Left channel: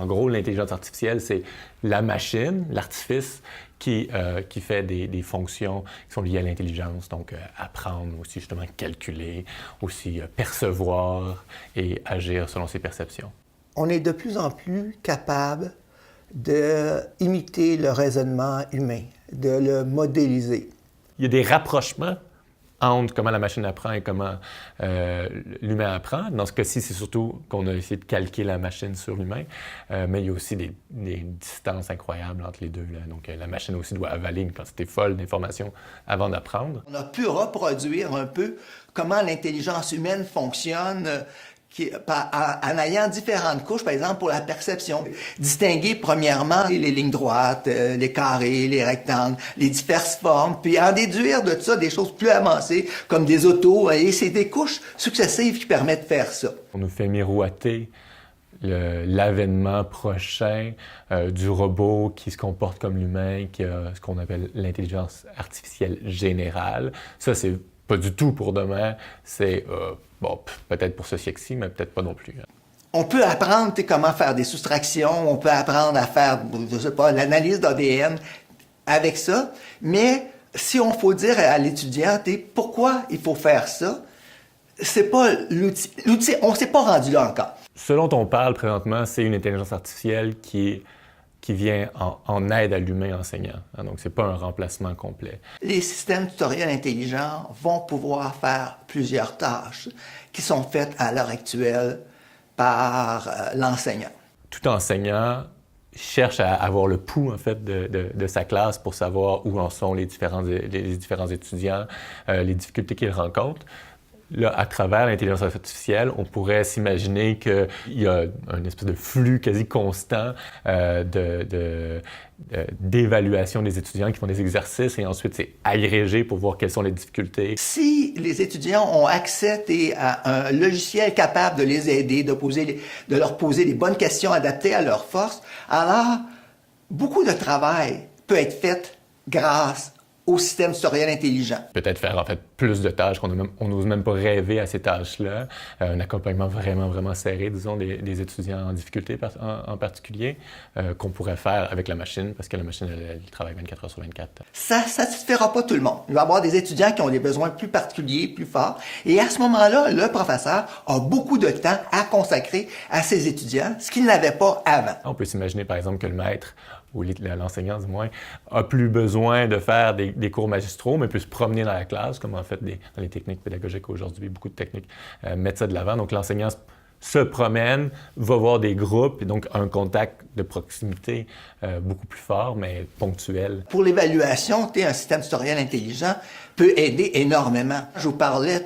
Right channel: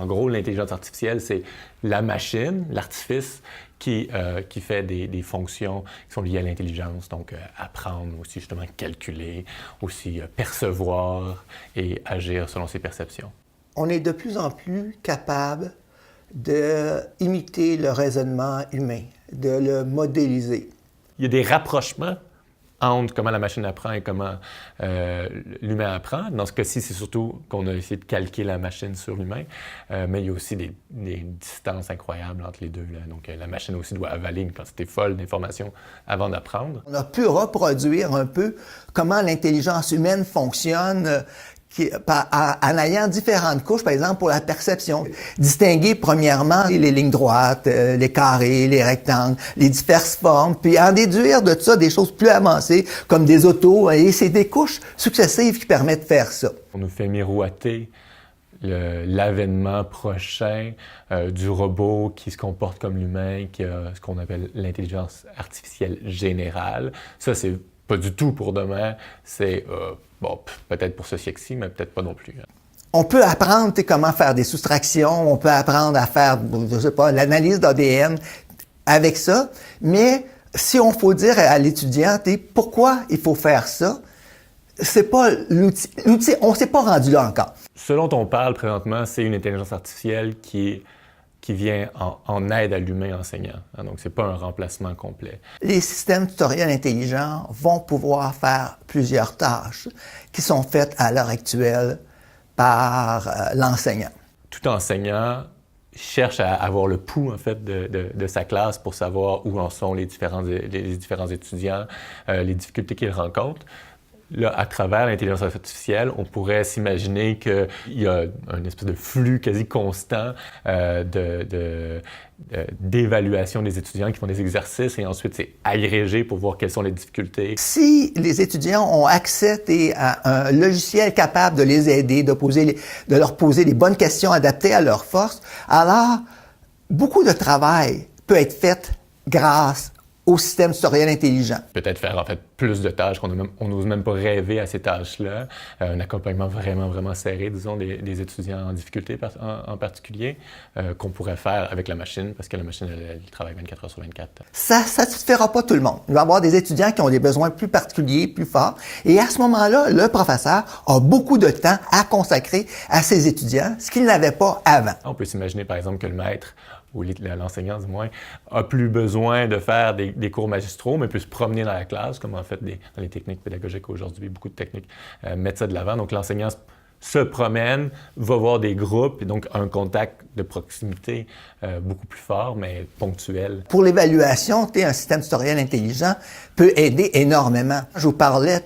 En gros, l'intelligence artificielle, c'est la machine, l'artifice, qui fait des fonctions qui sont liées à l'intelligence, donc apprendre, aussi justement calculer, aussi percevoir et agir selon ses perceptions. On est de plus en plus capable d'imiter le raisonnement humain, de le modéliser. Il y a des rapprochements entre comment la machine apprend et comment l'humain apprend. Dans ce cas-ci, c'est surtout qu'on a essayé de calquer la machine sur l'humain, mais il y a aussi des distances incroyables entre les deux, là. Donc, la machine aussi doit avaler une quantité folle d'informations avant d'apprendre. On a pu reproduire un peu comment l'intelligence humaine fonctionne en ayant différentes couches, par exemple, pour la perception. Distinguer, premièrement, les lignes droites, les carrés, les rectangles, les diverses formes, puis en déduire de ça des choses plus avancées, comme des autos, et c'est des couches successives qui permettent de faire ça. On nous fait miroiter l'avènement prochain du robot qui se comporte comme l'humain, qui a ce qu'on appelle l'intelligence artificielle générale. Ça, c'est pas du tout pour demain, c'est peut-être pour ce siècle-ci, mais peut-être pas non plus. On peut apprendre comment faire des soustractions, on peut apprendre à faire, je sais pas, l'analyse d'ADN avec ça, mais si on faut dire à l'étudiant, pourquoi il faut faire ça, c'est pas l'outil, on s'est pas rendu là encore. Ce dont on parle présentement, c'est une intelligence artificielle qui vient en aide à l'humain enseignant. Donc, ce n'est pas un remplacement complet. Les systèmes tutoriels intelligents vont pouvoir faire plusieurs tâches qui sont faites à l'heure actuelle par l'enseignant. Tout enseignant cherche à avoir le pouls, en fait, de sa classe pour savoir où en sont les différents étudiants, les difficultés qu'ils rencontrent. Là, à travers l'intelligence artificielle, on pourrait s'imaginer qu'il y a une espèce de flux quasi constant d'évaluation des étudiants qui font des exercices et ensuite c'est agrégé pour voir quelles sont les difficultés. Si les étudiants ont accès à un logiciel capable de les aider, de leur poser les bonnes questions adaptées à leurs forces, alors beaucoup de travail peut être fait grâce au système tutoriel intelligent. Peut-être faire en fait plus de tâches qu'on n'ose même pas rêver à ces tâches-là. Un accompagnement vraiment serré, disons, des étudiants en difficulté en particulier, qu'on pourrait faire avec la machine, parce que la machine, elle travaille 24 heures sur 24. Ça ne satisfera pas tout le monde. Il va y avoir des étudiants qui ont des besoins plus particuliers, plus forts. Et à ce moment-là, le professeur a beaucoup de temps à consacrer à ses étudiants, ce qu'il n'avait pas avant. On peut s'imaginer, par exemple, que le maître ou l'enseignant du moins, a plus besoin de faire des cours magistraux, mais peut se promener dans la classe, comme en fait dans les techniques pédagogiques aujourd'hui, beaucoup de techniques mettent ça de l'avant. Donc l'enseignant se promène, va voir des groupes, et donc un contact de proximité beaucoup plus fort, mais ponctuel. Pour l'évaluation, un système tutoriel intelligent peut aider énormément. Je vous parlais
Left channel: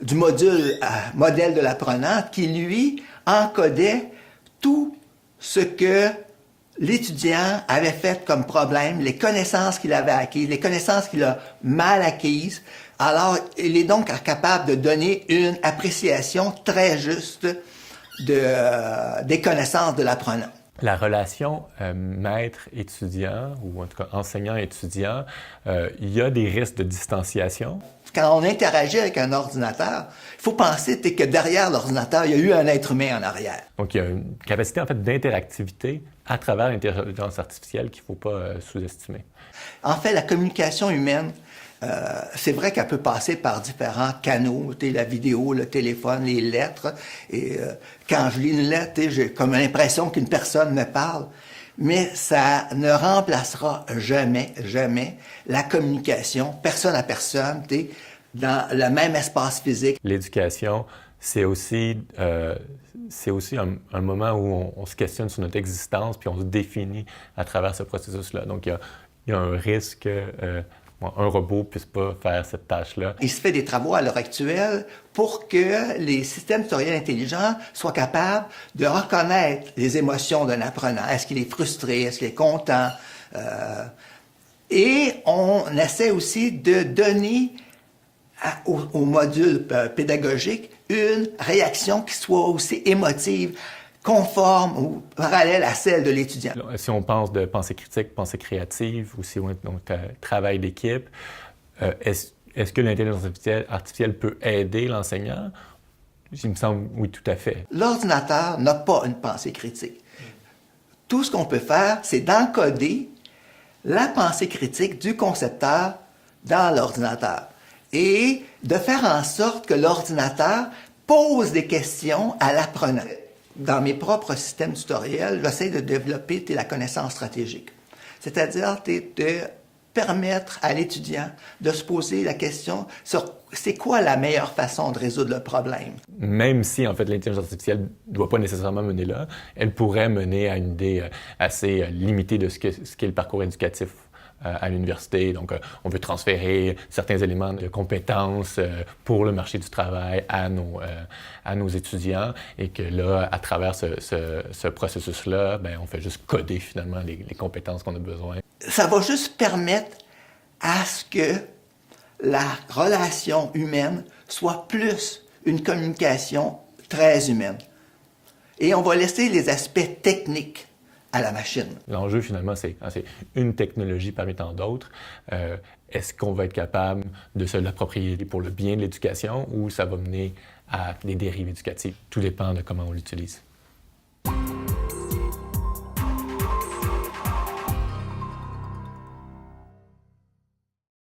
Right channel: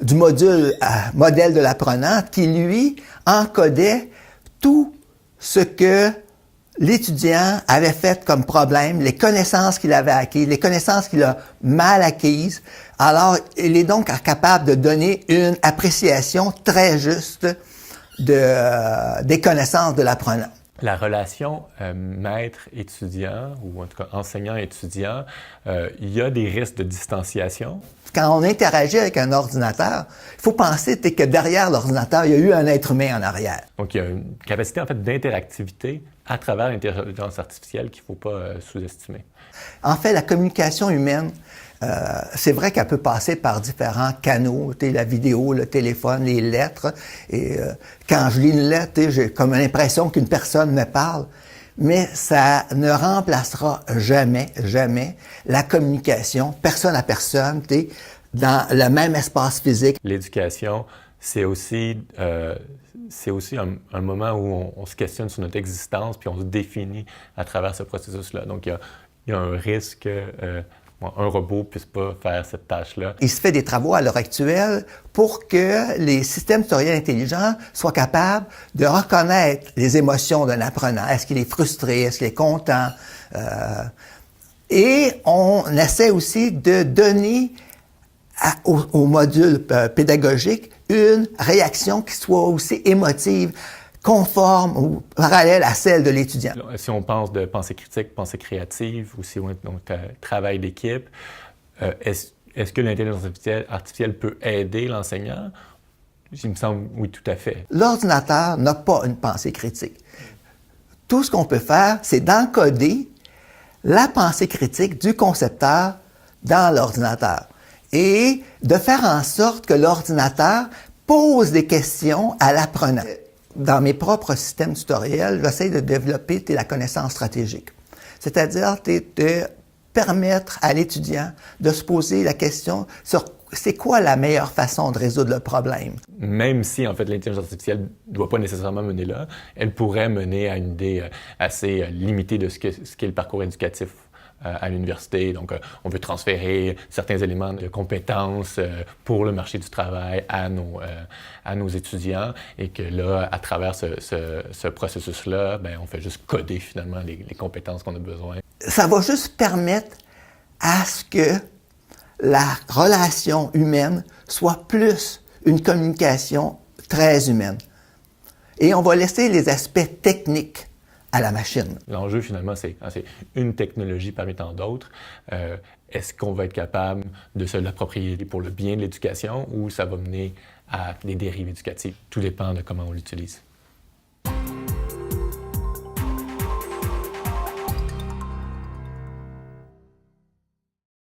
du modèle de l'apprenant qui, lui, encodait tout ce que l'étudiant avait fait comme problème, les connaissances qu'il avait acquises, les connaissances qu'il a mal acquises. Alors, il est donc capable de donner une appréciation très juste des connaissances de l'apprenant. La relation maître-étudiant, ou en tout cas enseignant-étudiant, il y a des risques de distanciation. Quand on interagit avec un ordinateur, il faut penser que derrière l'ordinateur, il y a eu un être humain en arrière. Donc, il y a une capacité en fait d'interactivité à travers l'intelligence artificielle qu'il ne faut pas sous-estimer. En fait, la communication humaine, c'est vrai qu'elle peut passer par différents canaux, la vidéo, le téléphone, les lettres. Et quand je lis une lettre, j'ai comme l'impression qu'une personne me parle. Mais ça ne remplacera jamais la communication personne à personne, dans le même espace physique. L'éducation, c'est aussi un moment où on se questionne sur notre existence puis on se définit à travers ce processus-là. Donc, il y a un risque qu'un robot ne puisse pas faire cette tâche-là. Il se fait des travaux à l'heure actuelle pour que les systèmes tutoriels intelligents soient capables de reconnaître les émotions d'un apprenant. Est-ce qu'il est frustré? Est-ce qu'il est content? Et on essaie aussi de donner au module pédagogique une réaction qui soit aussi émotive, conforme ou parallèle à celle de l'étudiant. Si on pense de pensée critique, pensée créative, ou si on travail d'équipe, est-ce que l'intelligence artificielle peut aider l'enseignant? Il me semble, oui, tout à fait. L'ordinateur n'a pas une pensée critique. Tout ce qu'on peut faire, c'est d'encoder la pensée critique du concepteur dans l'ordinateur et de faire en sorte que l'ordinateur pose des questions à l'apprenant. Dans mes propres systèmes tutoriels, j'essaie de développer la connaissance stratégique. C'est-à-dire de permettre à l'étudiant de se poser la question sur c'est quoi la meilleure façon de résoudre le problème. Même si, en fait, l'intelligence artificielle ne doit pas nécessairement mener là, elle pourrait mener à une idée assez limitée de ce qu'est le parcours éducatif à l'université. Donc, on veut transférer certains éléments de compétences pour le marché du travail à nos étudiants et que là, à travers ce processus-là, on fait juste coder finalement les compétences qu'on a besoin. Ça va juste permettre à ce que la relation humaine soit plus une communication très humaine. Et on va laisser les aspects techniques à la machine. L'enjeu, finalement, c'est une technologie parmi tant d'autres. Est-ce qu'on va être capable de se l'approprier pour le bien de l'éducation ou ça va mener à des dérives éducatives? Tout dépend de comment on l'utilise.